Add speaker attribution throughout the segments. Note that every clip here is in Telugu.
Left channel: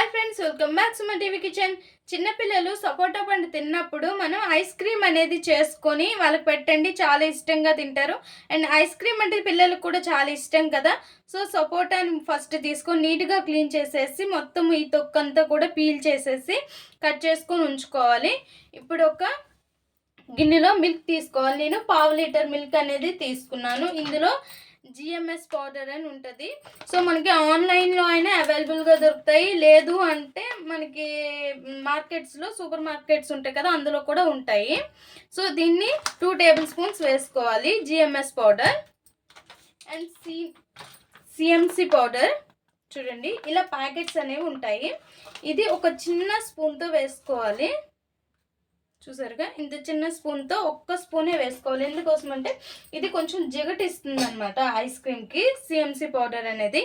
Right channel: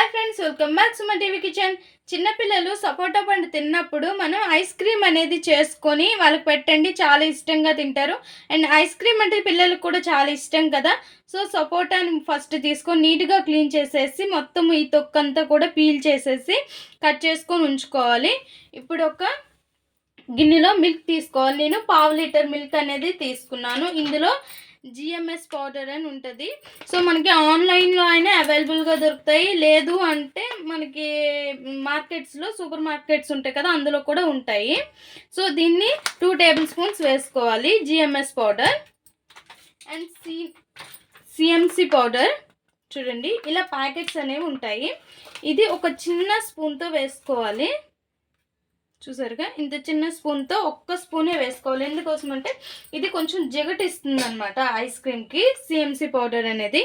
Speaker 1: Hi friends welcome back Suma TV kitchen చిన్నపిల్లలు సపోటా పండు తిన్నప్పుడు మనం ఐస్ క్రీమ్ అనేది చేసుకొని వాళ్ళకి పెట్టండి చాలా ఇష్టంగా తింటారు. అండ్ ఐస్ క్రీమ్ అంటే పిల్లలకు కూడా చాలా ఇష్టం కదా. సో సపోటాని ఫస్ట్ తీసుకొని నీట్గా క్లీన్ చేసేసి మొత్తం ఈ తొక్కంతా కూడా పీల్ చేసేసి కట్ చేసుకొని ఉంచుకోవాలి. ఇప్పుడు ఒక గిన్నెలో మిల్క్ తీసుకోవాలి. నేను పావు లీటర్ మిల్క్ అనేది తీసుకున్నాను. ఇందులో జిఎంఎస్ పౌడర్ అని ఉంటుంది. సో మనకి ఆన్లైన్లో అయినా అవైలబుల్గా దొరుకుతాయి. లేదు అంటే మనకి మార్కెట్స్లో సూపర్ మార్కెట్స్ ఉంటాయి కదా అందులో కూడా ఉంటాయి. సో దీన్ని టూ టేబుల్ స్పూన్స్ వేసుకోవాలి GMS powder and C CMC powder చూడండి ఇలా ప్యాకెట్స్ అనేవి ఉంటాయి. ఇది ఒక చిన్న స్పూన్తో వేసుకోవాలి. చూసారుగా? ఇంత చిన్న స్పూన్తో ఒక్క స్పూనే వేసుకోవాలి. ఎందుకోసం అంటే ఇది కొంచెం జిగటిస్తుంది అనమాట ఐస్ క్రీమ్కి సిఎంసి పౌడర్ అనేది.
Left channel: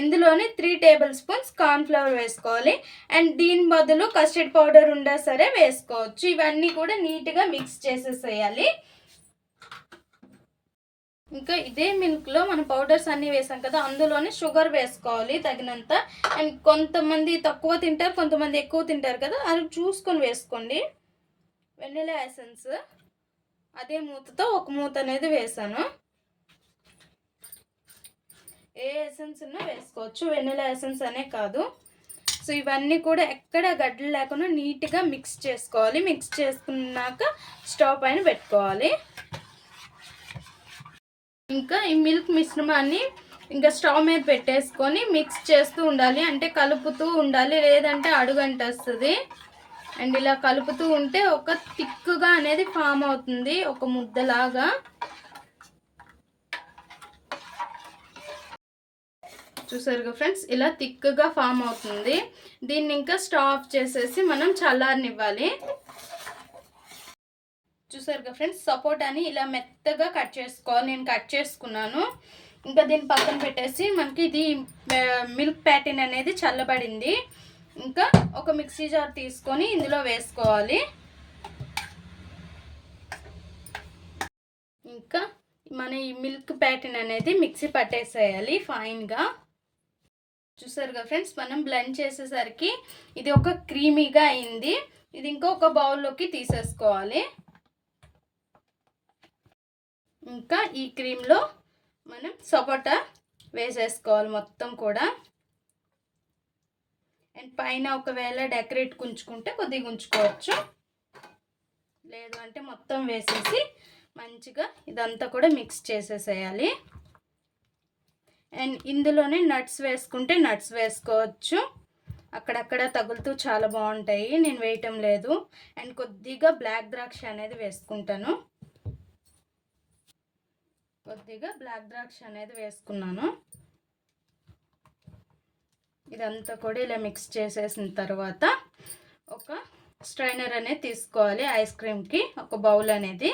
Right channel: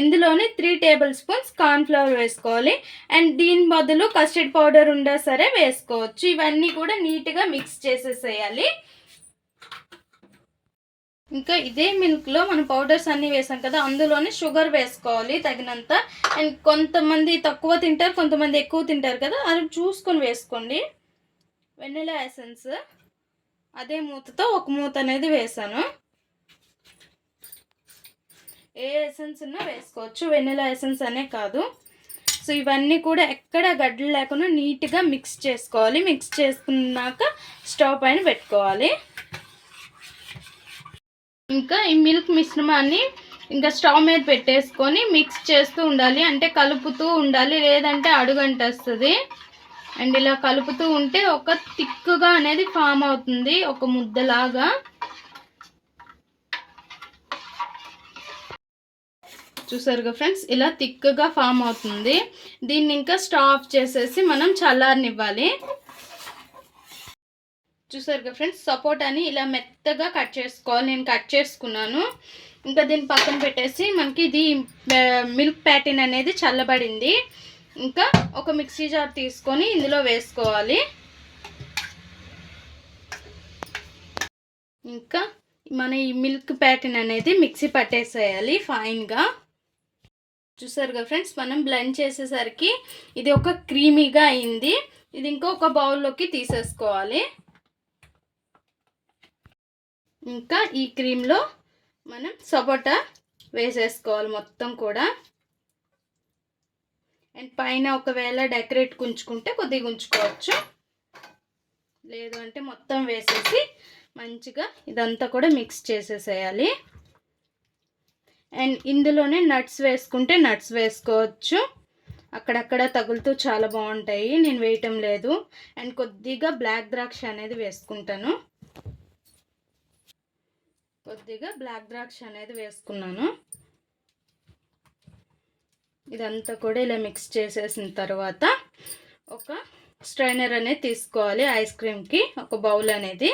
Speaker 1: ఇందులోనే త్రీ టేబుల్ స్పూన్స్ కార్న్ఫ్లవర్ వేసుకోవాలి. అండ్ దీని బదులు కస్టర్డ్ పౌడర్ ఉండా సరే వేసుకోవచ్చు. ఇవన్నీ కూడా నీట్గా మిక్స్ చేసేసేయాలి. ఇంకా ఇదే మిల్క్లో మనం పౌడర్స్ అన్నీ వేసాం కదా అందులోనే షుగర్ వేసుకోవాలి తగినంత. అండ్ కొంతమంది తక్కువ తింటారు కొంతమంది ఎక్కువ తింటారు కదా అది చూసుకొని వేసుకోండి. Vanilla essence. అదే మూతతో ఒక మూత అనేది వేసాను. ఏ ఎసెన్స్ ఉన్నా వేసుకోవచ్చు. వెన్నెల ఎసెన్స్ అనే కాదు. సో ఇవన్నీ కూడా ఎక్కడ గడ్డలు లేకుండా నీట్గా మిక్స్ చేసుకోవాలి. మిక్స్ చేసుకున్నాక స్టవ్ పైన పెట్టుకోవాలి. ఇంకా ఈ మిల్క్ మిశ్రమాన్ని ఇంకా స్టవ్ మీద పెట్టేసుకొని మిక్స్ చేస్తూ ఉండాలి. అంటే కలుపుతూ ఉండాలి. లేదంటే అడుగంటేస్తుంది. అండ్ ఇలా కలుపుతూ ఉంటే ఒక థిక్గా అనేది ఫామ్ అవుతుంది ఒక ముద్దలాగా. చూసారుగా ఫ్రెండ్స్? ఇలా థిక్గా ఫామ్ అవుతుంది. దీన్ని ఇంకా స్టాఫ్ చేసేసి మనం చల్లారనివ్వాలి. చూసారుగా ఫ్రెండ్స్? సపోటాని ఇలా మెత్తగా కట్ చేసుకోవాలి. నేను కట్ చేసుకున్నాను. ఇంకా దీన్ని పక్కన పెట్టేసి మనకి ఇది మిల్క్ ప్యాటిన్ అనేది చల్లబడింది. ఇంకా ఒక మిక్సీ జార్ తీసుకొని ఇందులో వేసుకోవాలి. ఇంకా మన ఈ మిల్క్ ప్యాటర్న్ అనేది మిక్సీ పట్టేసేయాలి ఫైన్గా. చూసారుగా ఫ్రెండ్స్ మనం బ్లెండ్ చేసేసరికి ఇది ఒక క్రీమీగా అయింది. ఇది ఇంకా ఒక బౌల్లోకి తీసేసుకోవాలి. ఇంకా ఈ క్రీమ్లో మనం సపోటా వేసేసుకోవాలి మొత్తం కూడా. అండ్ పైన ఒకవేళ డెకరేట్ ఉంచుకుంటే కొద్దిగా ఉంచుకోవచ్చు లేదు అంటే మొత్తం వేసేసి మంచిగా ఇదంతా కూడా మిక్స్ చేసేసేయాలి. అండ్ ఇందులోనే నట్స్ వేసుకుంటే నట్స్ వేసుకోవచ్చు. అక్కడక్కడ తగులుతూ చాలా బాగుంటాయి. నేను వేయటం లేదు. అండ్ కొద్దిగా బ్లాక్ ద్రాక్ష అనేది వేసుకుంటాను. కొద్దిగా బ్లాక్ ద్రాక్ష అనేది వేసుకున్నాను. ఇదంతా కూడా ఇలా మిక్స్ చేసేసిన తర్వాత ఒక స్ట్రైనర్ అనేది తీసుకోవాలి ఐస్ క్రీమ్కి ఒక బౌల్ అనేది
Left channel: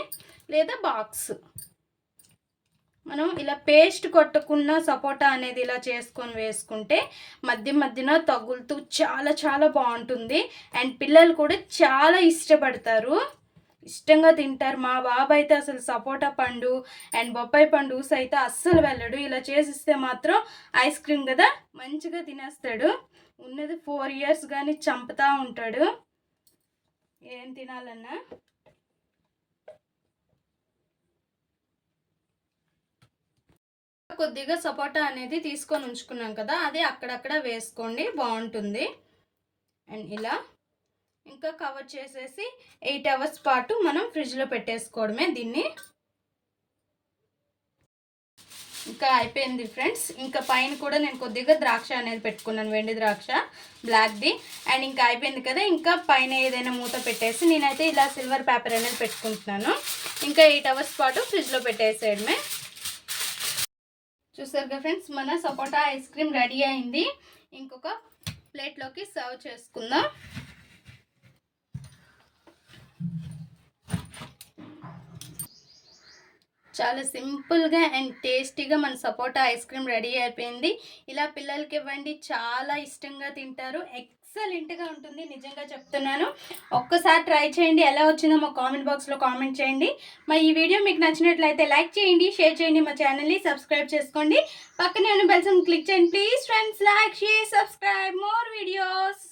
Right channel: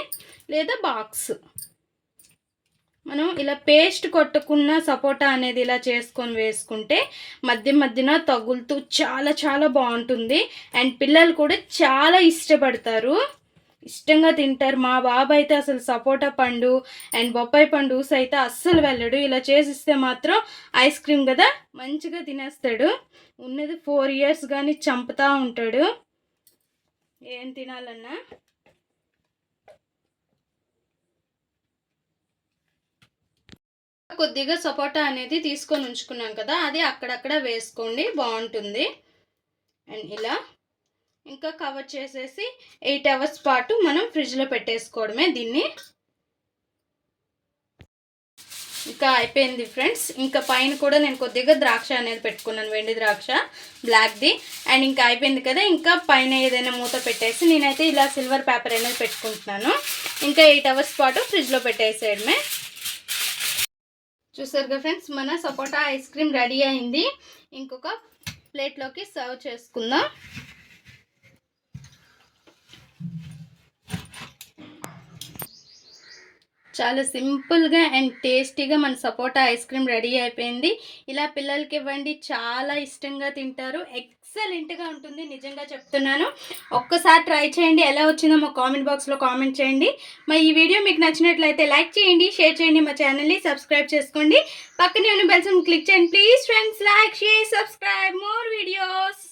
Speaker 1: లేదా బాక్స్ మనం ఇలా పేస్ట్ కొట్టుకున్న సపోటా అనేది ఇలా చేసుకొని వేసుకుంటే మధ్య మధ్యన తగులుతూ చాలా చాలా బాగుంటుంది. అండ్ పిల్లలు కూడా చాలా ఇష్టపడతారు. ఇష్టంగా తింటారు. మా బాబు అయితే అసలు సపోటా పండు అండ్ బొప్పాయి పండు ఊస అయితే అస్సలు వెళ్ళడు. ఇలా చేసిస్తే మాత్రం ఐస్ క్రీమ్ కదా మంచిగా తినేస్తాడు. ఉన్నది ఫోర్ ఇయర్స్ కానీ చంపుతూ ఉంటాడు. ఏం తినాలన్నా? కొద్దిగా సపోటా అనేది తీసుకొని ఉంచుకున్నాం కదా అది అక్కడక్కడ వేసుకోండి. బాగుంటుంది. అండ్ ఇలా ఇంకా కవర్ చేసేసి ఎయిట్ అవర్స్ పాటు మనం ఫ్రిడ్జ్లో పెట్టేసుకోవడమే దీన్ని. ఇంకా అయిపోయింది ఫ్రెండ్స్ ఇంకా పైన కూడా నేను కొద్దిగా ద్రాక్ష అనేది పెట్టుకున్నాను వెండి ద్రాక్ష బ్లాక్ది అండ్ ఇంకా అయిపోయింది కదా ఇంకా పైన ఏదైనా మూత పెట్టేసి నేనైతే ఇలా సిల్వర్ పేపర్ అనేది పెట్టుకుంటున్నాను. ఇంకా ఎయిట్ అవర్స్ పాటు ఫ్రిడ్జ్లో పెట్టేసేయడమే. చూసారుగా ఫ్రెండ్స్ మన సపోటా ఐస్ క్రీమ్ రెడీ అయింది. ఇంకొక ప్లేట్లోకి సర్వ్ చేసుకుందాం. చాలా సింపుల్‌గా అండ్ టేస్టీగా మన సపోటా ఐస్ క్రీమ్ రెడీ అయిపోయింది. ఇలా పిల్లలకి ఇవ్వండి చాలా ఇష్టంగా తింటారు. ఎక్సలెంట్‌గా ఉంటుంది నిజంగా చెప్తున్నాను. ఒక్కసారి ట్రై చేయండి. ఎలా వచ్చిందో మా కామెంట్ బాక్స్‌లో కామెంట్ చేయండి. మరి ఈ వీడియో మీకు నచ్చినట్లయితే లైక్ చేయండి, షేర్ చేయండి, మా ఛానల్‌ని సబ్స్క్రైబ్ చేసుకోండి. పక్కనే ఉన్న బెల్ క్లిక్ చేయండి. Please friends like, share, subscribe more videos.